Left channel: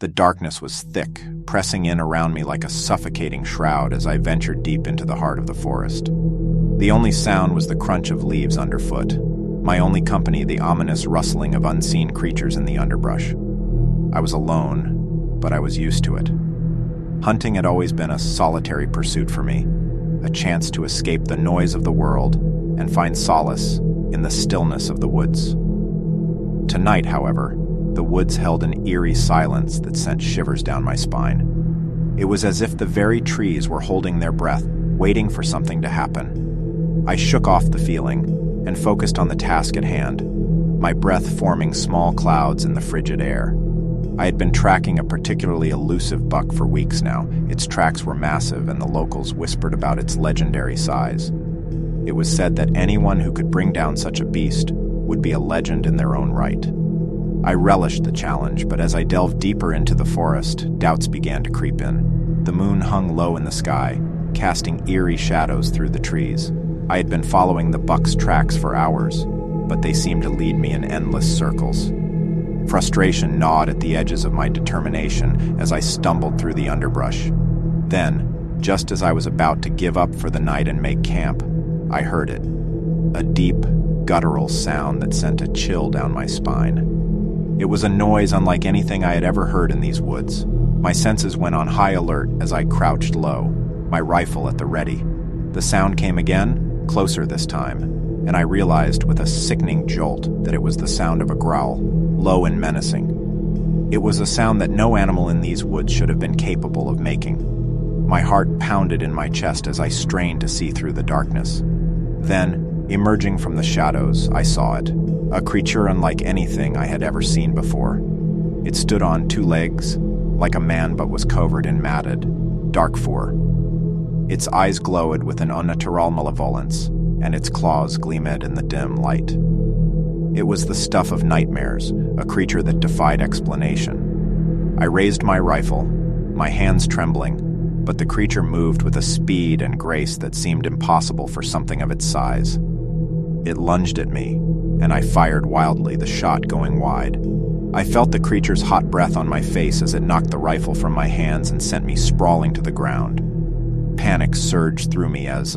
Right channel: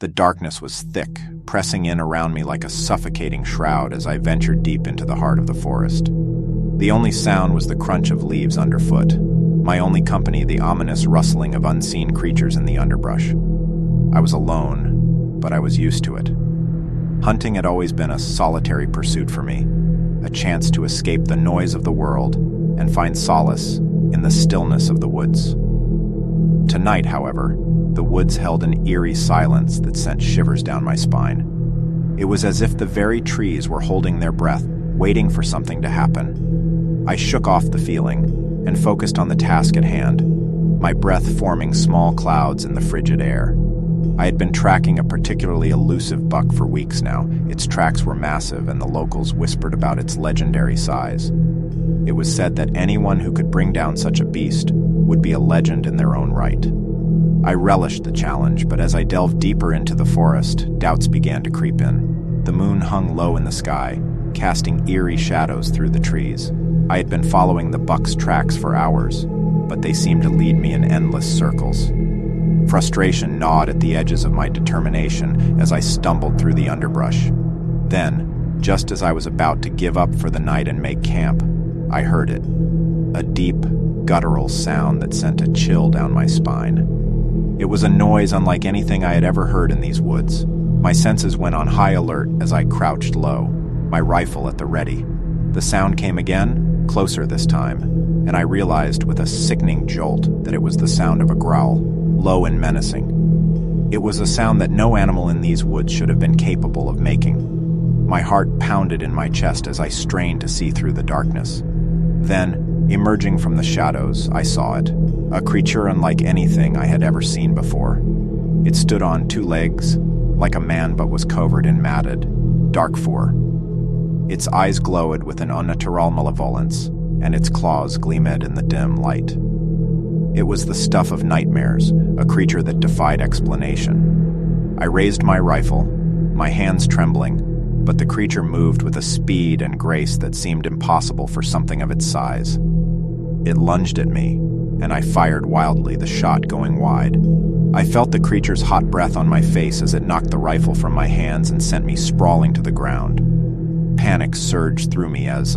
The darkness was thick, pressing in around me like a suffocating shroud as I ventured deep into the heart of the forest. The only sound was the crunch of leaves underfoot. My only company, the ominous rustling of unseen creatures in the underbrush. I was alone, but I was used to it. Hunting had always been a solitary pursuit for me, a chance to escape the noise of the world and find solace in the stillness of the woods. Tonight, however, the woods held an eerie silence that sent shivers down my spine. It was as if the very trees were holding their breath, waiting for something to happen. I shook off the feeling and focused on the task at hand, my breath forming small clouds in the frigid air. I had been tracking a particularly elusive buck for weeks now. Its tracks were massive, and the locals whispered about its legendary size. It was said that anyone who could bring down such a beast would be a legend in their own right. I relished the challenge, but as I delved deeper into the forest, doubts began to creep in. The moon hung low in the sky, casting eerie shadows through the trees. I had been following the buck's tracks for hours, but they seemed to lead me in endless circles. Frustration gnawed at the edges of my determination as I stumbled through the underbrush. Then, just as I was about to give up for the night and make camp, I heard it. A deep, guttural sound that sent a chill down my spine. It was a noise unlike anything I had ever heard in these woods. My senses went on high alert as I crouched low, my rifle at the ready. The sound came again, closer this time, and I realized with a sickening jolt that it was the sound of a growl, low and menacing. It was a sound that no animal in these woods should have been capable of making. My heart pounded in my chest as I strained to see through the darkness. Then, emerging from the shadows, I saw it, a creature unlike anything I had ever seen before. It stood on two legs, like a man but was covered in matted, dark fur. Its eyes glowed with an unnatural malevolence, and its claws gleamed in the dim light. It was the stuff of nightmares, a creature that defied explanation. I raised my rifle, my hands trembling, but the creature moved with a speed and grace that seemed impossible for something of its size. It lunged at me, and I fired wildly, the shot going wide. I felt the creature's hot breath on my face as it knocked the rifle from my hands and sent me sprawling to the ground. Panic surged through me as,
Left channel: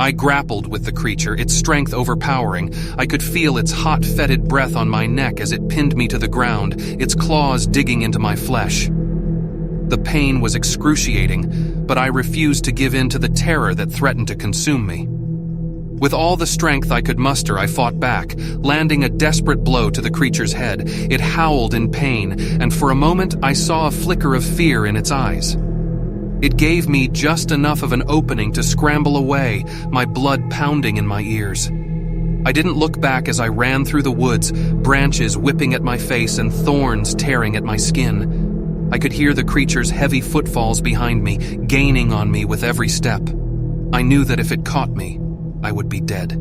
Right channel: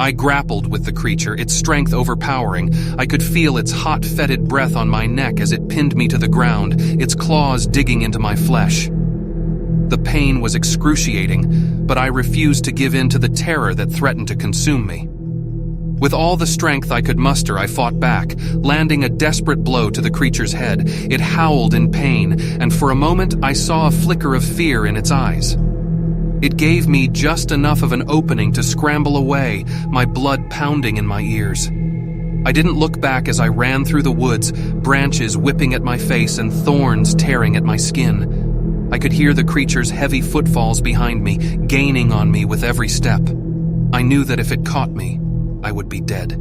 I grappled with the creature, its strength overpowering. I could feel its hot, fetid breath on my neck as it pinned me to the ground, its claws digging into my flesh. The pain was excruciating, but I refused to give in to the terror that threatened to consume me. With all the strength I could muster, I fought back, landing a desperate blow to the creature's head. It howled in pain, and for a moment I saw a flicker of fear in its eyes. It gave me just enough of an opening to scramble away, my blood pounding in my ears. I didn't look back as I ran through the woods, branches whipping at my face and thorns tearing at my skin. I could hear the creature's heavy footfalls behind me, gaining on me with every step. I knew that if it caught me, I would be dead.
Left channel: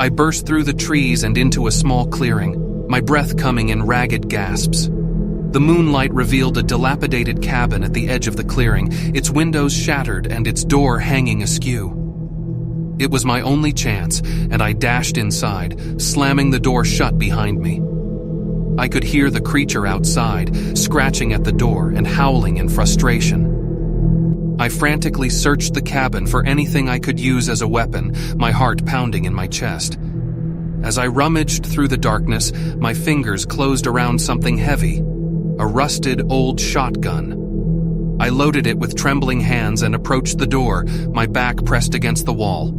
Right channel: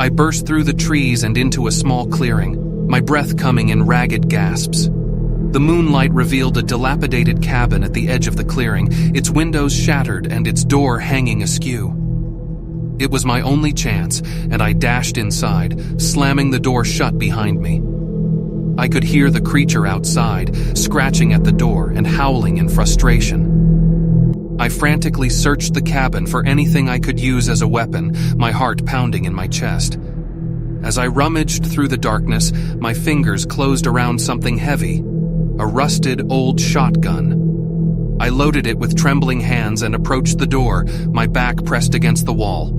I burst through the trees and into a small clearing, my breath coming in ragged gasps. The moonlight revealed a dilapidated cabin at the edge of the clearing, its windows shattered and its door hanging askew. It was my only chance, and I dashed inside, slamming the door shut behind me. I could hear the creature outside, scratching at the door and howling in frustration. I frantically searched the cabin for anything I could use as a weapon, my heart pounding in my chest. As I rummaged through the darkness, my fingers closed around something heavy. A rusted old shotgun. I loaded it with trembling hands and approached the door, my back pressed against the wall.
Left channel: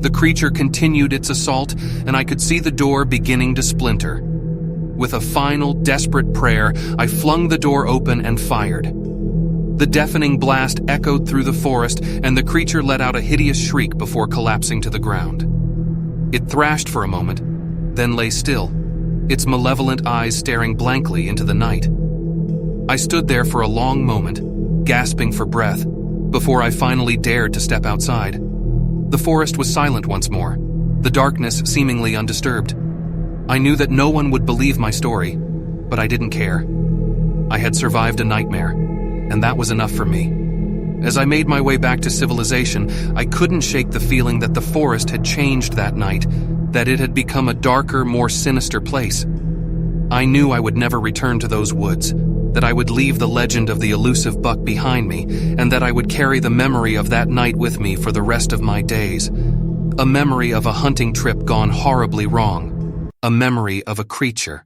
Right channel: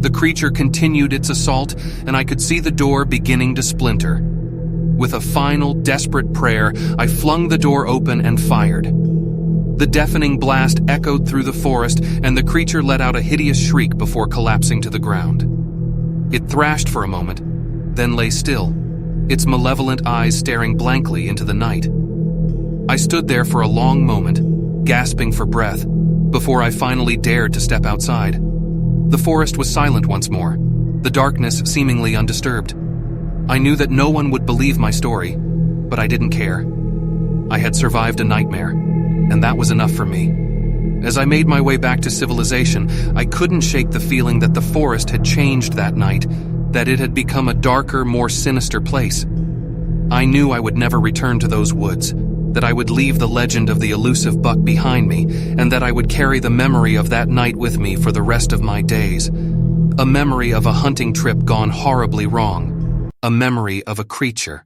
The creature continued its assault, and I could see the door beginning to splinter. With a final, desperate prayer, I flung the door open and fired. The deafening blast echoed through the forest, and the creature let out a hideous shriek before collapsing to the ground. It thrashed for a moment, then lay still, its malevolent eyes staring blankly into the night. I stood there for a long moment, gasping for breath, before I finally dared to step outside. The forest was silent once more, the darkness seemingly undisturbed. I knew that no one would believe my story, but I didn't care. I had survived a nightmare, and that was enough for me. As I made my way back to civilization, I couldn't shake the feeling that the forest had changed that night, that it had become a darker, more sinister place. I knew I would never return to those woods, that I would leave the legend of the elusive buck behind me, and that I would carry the memory of that night with me for the rest of my days. A memory of a hunting trip gone horribly wrong. A memory of a creature